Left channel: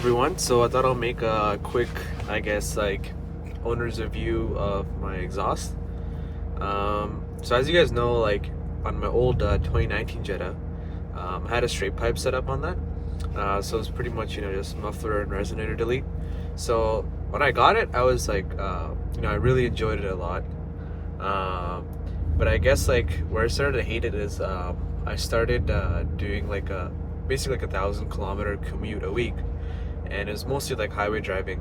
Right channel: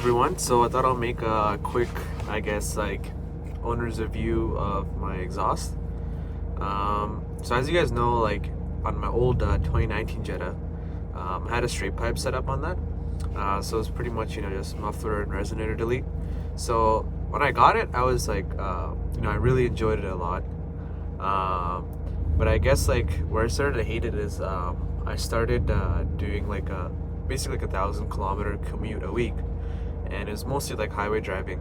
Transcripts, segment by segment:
everyone, so I thought I'll make a quick, owner's review of my exhaust. So as you guys know, on my old 2019 Jetta, I had a straight pipe set up on that. So it's pretty much, just muffler and resonator delete. So when I got it, I was I really enjoyed it a lot. But I guess where I started to hate it is I started doing basically 1,000 kilometer commute a week, and it was mostly like highway driving.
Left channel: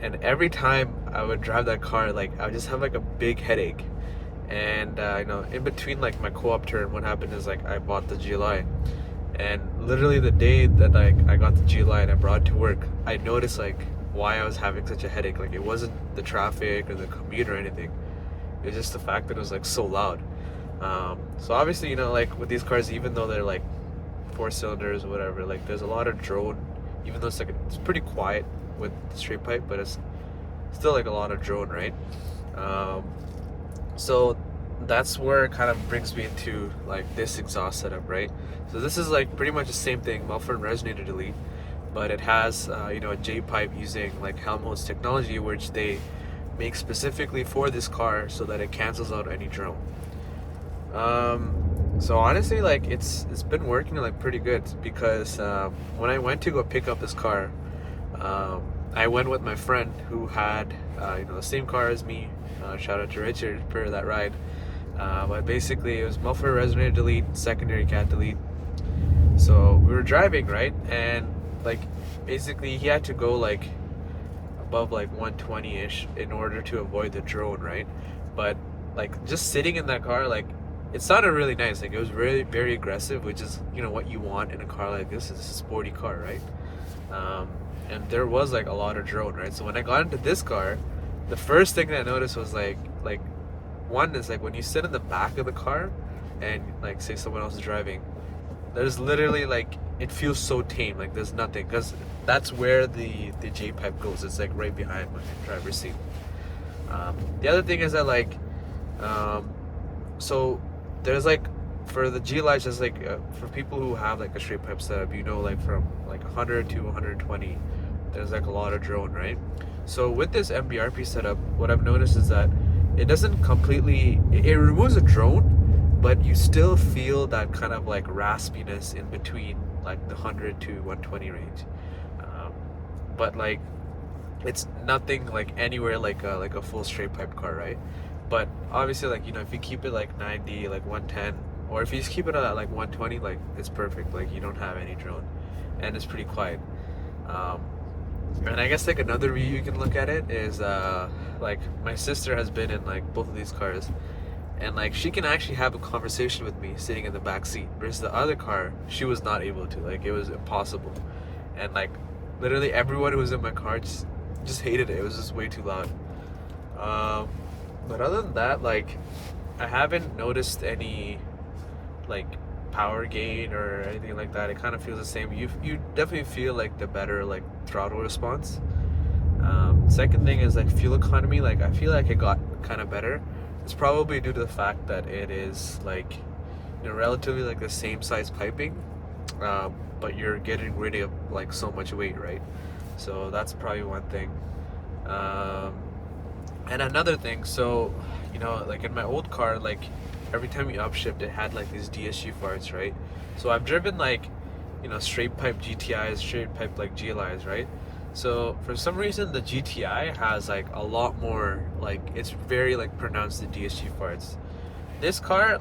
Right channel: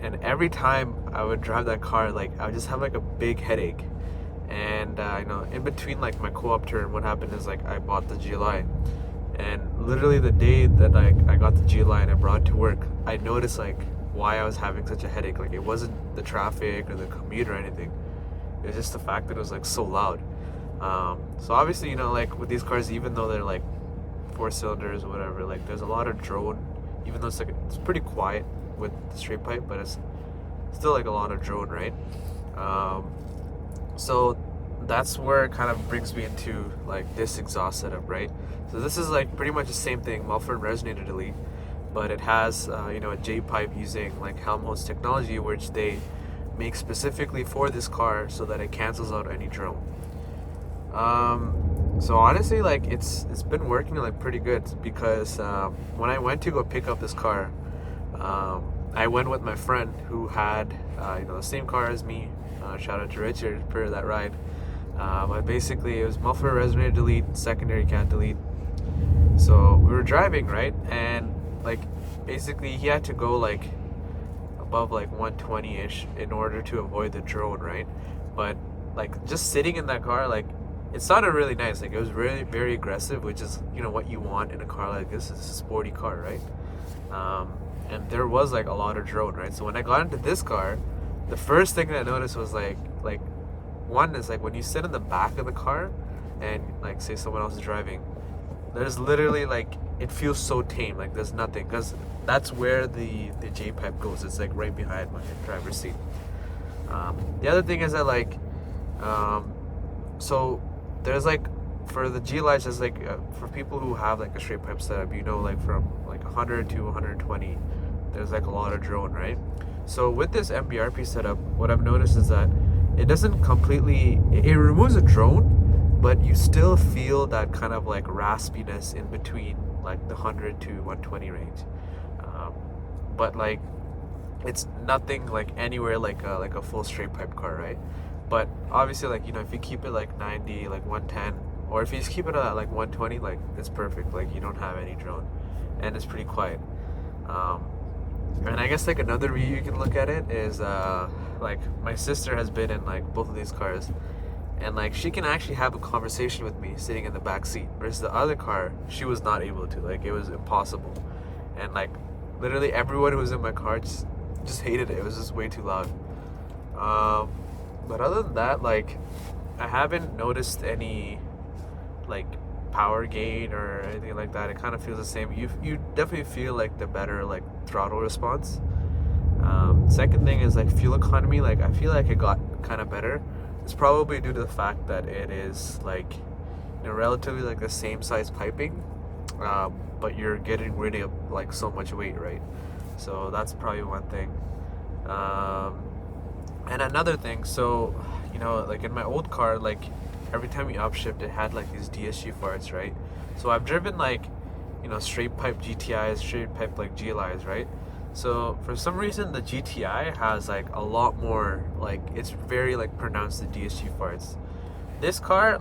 And every time I would drive that car, I would just have a big headache. And in between my co-op turn, what happened is I bought the GLI, and literally the day that I got the GLI and I brought it to work, I noticed why I was having such a headache. It wasn't the traffic or the commute or anything. It was just the fact that it was so loud. So obviously, with these cars, even though they're 4 cylinders or whatever, there's a lot of drone. Even though it's pretty quiet with the straight pipe, but it's still a lot of drone, right? So that's where it kind of brings me into this exhaust setup, right? So this is pretty much the same thing, muffler and resonator delete, but it has a J pipe using Helmholtz technology, which they make specifically for this car so that it cancels out any drone. So honestly, it's been working pretty good, because when I went to go pick up this car, I went with my friend who had the same car as me. Shout out to Richard for that ride. But basically it was muffler, resonator delete, secondary cat delete. So we were driving, right, and basically he had to go above 120-ish in order to avoid the drone, right? But just sitting in that car, it sounded really nice. It was really very aggressive, which is what you want in a car like this. It's a sporty car, right? And there was a lot of drone, right? So when I got into this car, the first thing that I noticed was one is when you sit in the back of the car and say someone else is driving, there's literally it feels so tame. There's nothing, because that's where the J pipe goes. It's right behind my driver's seat. The other thing is that so there's for the GLI, just for people who have a straight pipe setup, from 100 to 120, there's a lot of drone, right? So with this Mbrp setup, what I've noticed is that it doesn't completely, it removes a drone, but you still feel that kind of raspiness in between the 100 to 120 range. But it's nothing anywhere like a full straight pipe car, right? But obviously if you keep it 90, 110, or if you just keep it at 120, it's perfect. You don't have any drone, and it's pretty quiet. And I guess another review you can look at it is my sister has been in both of these cars, and she can actually have a conversation with me sitting in the back seat, versus the other car she was not able to. It was impossible. And literally everyone who was in my car just hated it. It was just way too loud. But other than that, I haven't noticed any power gain or anything like that. It kind of feels the same. You definitely feel the better throttle response. Second thing is fuel economy. I feel it got kind of better. It's probably due to the fact that it is relatively the same size piping, but you're getting rid of so much weight, right? So that's probably one thing. And another thing, so in my old car, every time you upshift, it had these DSG farts, right? So I've driven straight pipe GTIs, straight pipe GLIs, right? So for some reason the GTI has a lot more, it's very pronounced, the DSG farts. This car,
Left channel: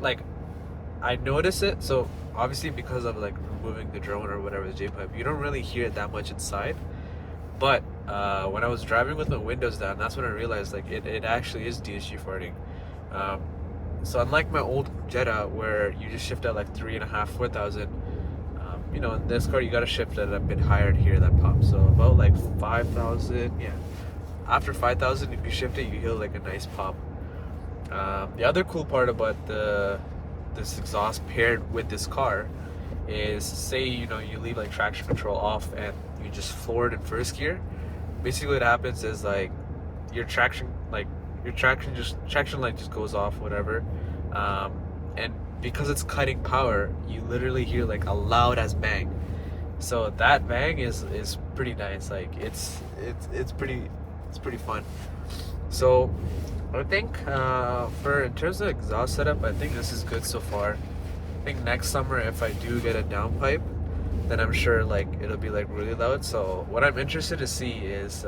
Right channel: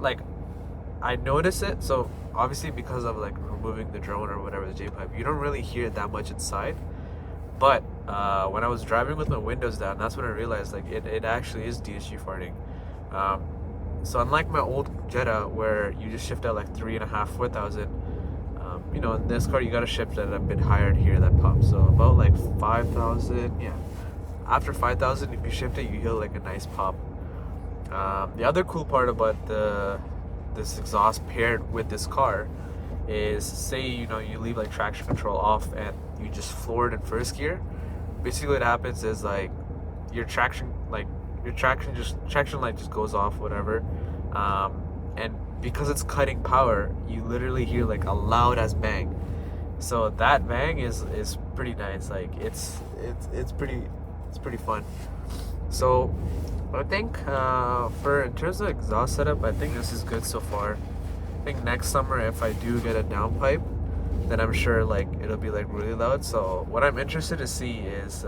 I notice it. So obviously because of removing the drone or whatever, the J pipe, you don't really hear it that much inside. But when I was driving with my windows down, that's when I realized it actually is DSG farting. So unlike my old Jetta, where you just shift at 3.5, 4,000, in this car you gotta shift at a bit higher to hear that pop. So about 5,000, yeah. After 5,000, if you shift it, you hear a nice pop. The other cool part about this exhaust paired with this car is, say you leave traction control off and you just floor it in first gear. Basically what happens is your traction light just goes off, whatever, and because it's cutting power, you literally hear a loud as bang. So that bang is pretty nice. Like it's pretty fun. So I think for in terms of exhaust setup, I think this is good so far. I think next summer if I do get a downpipe, then I'm sure like it'll be like really loud. So what I'm interested to see is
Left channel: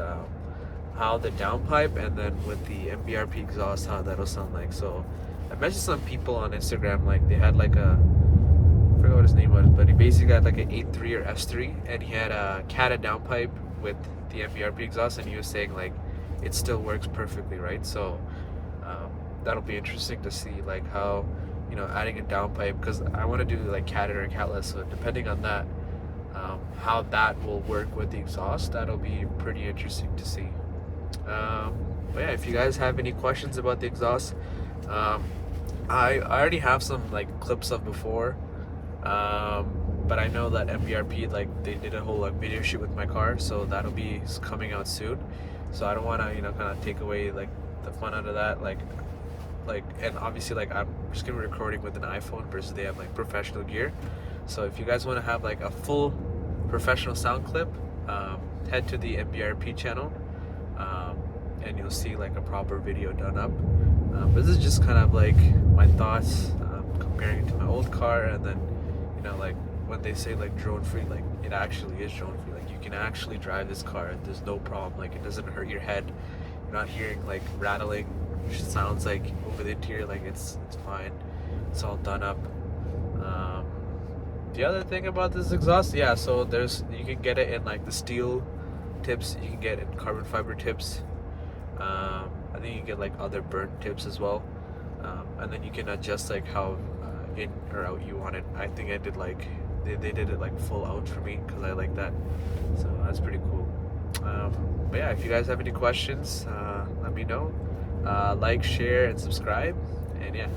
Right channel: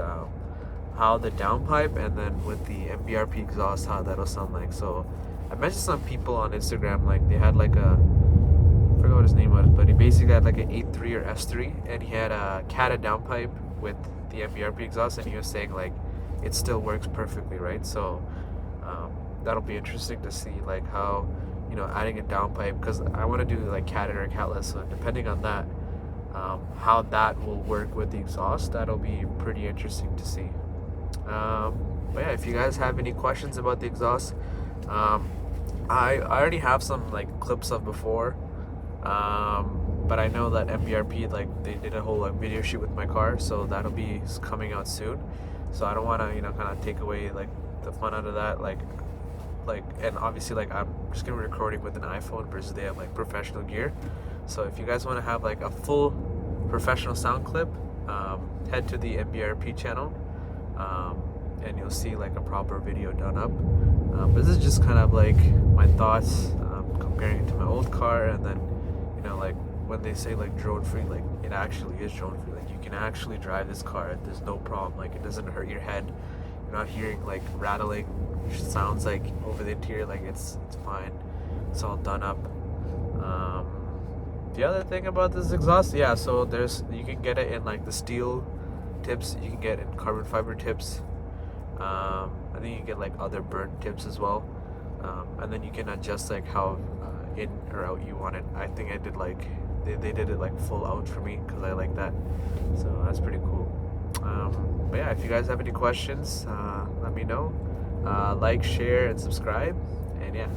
how the downpipe and then with the Mbrp exhaust, how that'll sound like. So I mentioned some people on Instagram, like they had like I forgot what his name was, but he basically had like an 8.3 or S3, and he had a Cata downpipe with the Mbrp exhaust, and he was saying like it still works perfectly, right? So that'll be interesting to see like how, you know, adding a downpipe, because I want to do like Cata or Catless, so depending on that, how that will work with the exhaust, that'll be pretty interesting to see. But yeah, if you guys have any questions about the exhaust, um, I already have some like clips of before, but I know that MBRP, like they did a whole like video shoot with my car, so that'll be coming out soon. So I don't want to, you know, kind of take away like the fun out of that, and obviously like I'm just gonna be recording with an iPhone versus they have like professional gear. So if you guys want to have like a full professional sound clip, head to the MBRP channel, and you'll see like a proper video done up. But this is just kind of like my thoughts, comparing it to my old car, and then, you know, like when they say like drone free, like it actually is drone free. Like you can actually drive this car, there's no problem. Like it doesn't hurt your head. You're not hearing like rattling sounds like over the interior. Like it's fine. It's all done up. The other thing about this exhaust, yeah, so you can get it in like the steel tips, you can get it in carbon fiber tips. I think you get like other burnt tips as well, and then you can adjust like how in or out you want it. I think I did like they did it like full out for me because I like that, so that's pretty cool. But yeah, if you guys have any questions, let me know. Like, share, and subscribe, and yeah.